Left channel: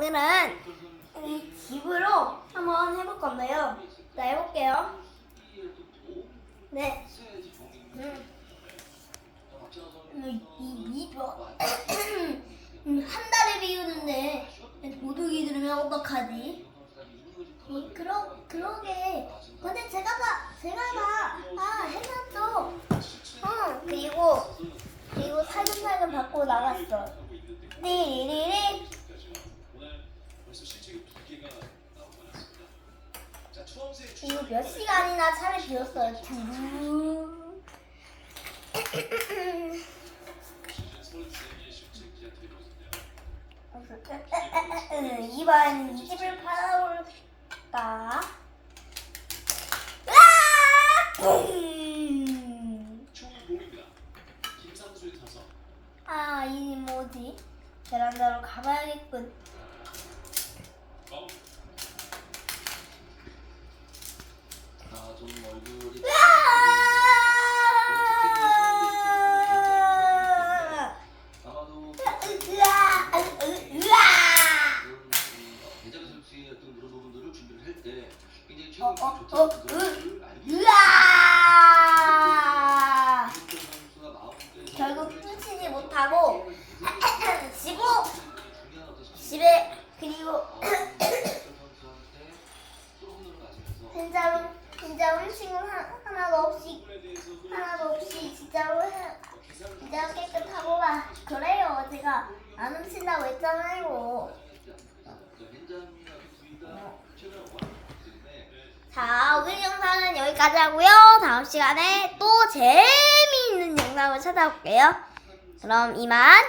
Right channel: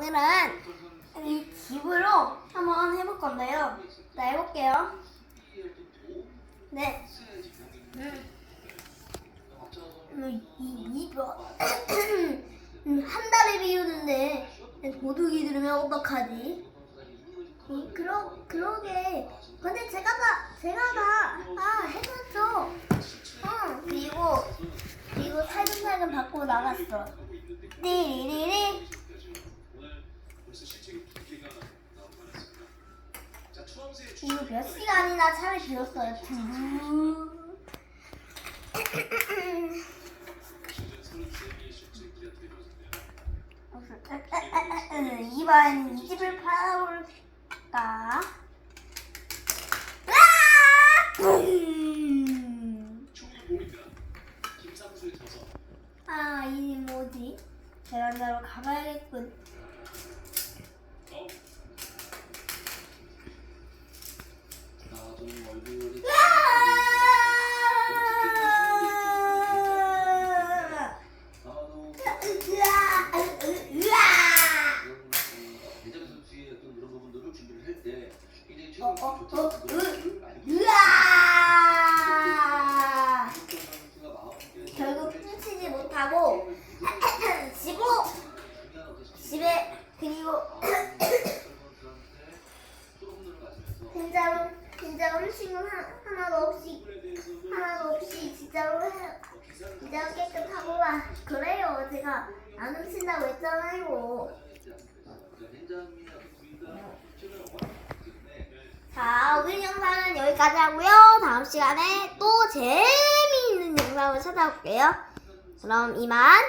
오늘은 이 집으로 한번 해볼 건데요. 자, 해볼게요. 네. 음. 음, 이, 이, 뭐, 음, 한 달에 비우는데 도둑이 들으면 어떡하지? 음, 그러, 그러게. 근데 제가 다, 제가 다, 아, 해놨죠. 어, 그리고, 그리고 살금살금 받고 나갔어. 띠리리리. 이거 몇 시간이나 차를 비웠어요. 두. 이번 이 집을 팔아볼까? 음. 아, 이 뭐지? 베란다로 가봐야겠군. 아좀 얼굴이 으아! 아마도 으아! 으아! 대장 선수의 어떤 그런 부분들을 준비를 할 때 굉장히 어, 어, 어, 으아! 결국 훔치지 못하고 지고 집에 그리고 진짜로 진짜 훔친 건 하- 하나도 없이 하나도 없이 진짜로 해, 진짜 깨끗하고 막 그래요 제가 안 훔친다고 했잖아요 오늘 영상은 여기까지 하고요. 다음 시간에 또 재미있는 영상을 찾아올게요. 그럼 이만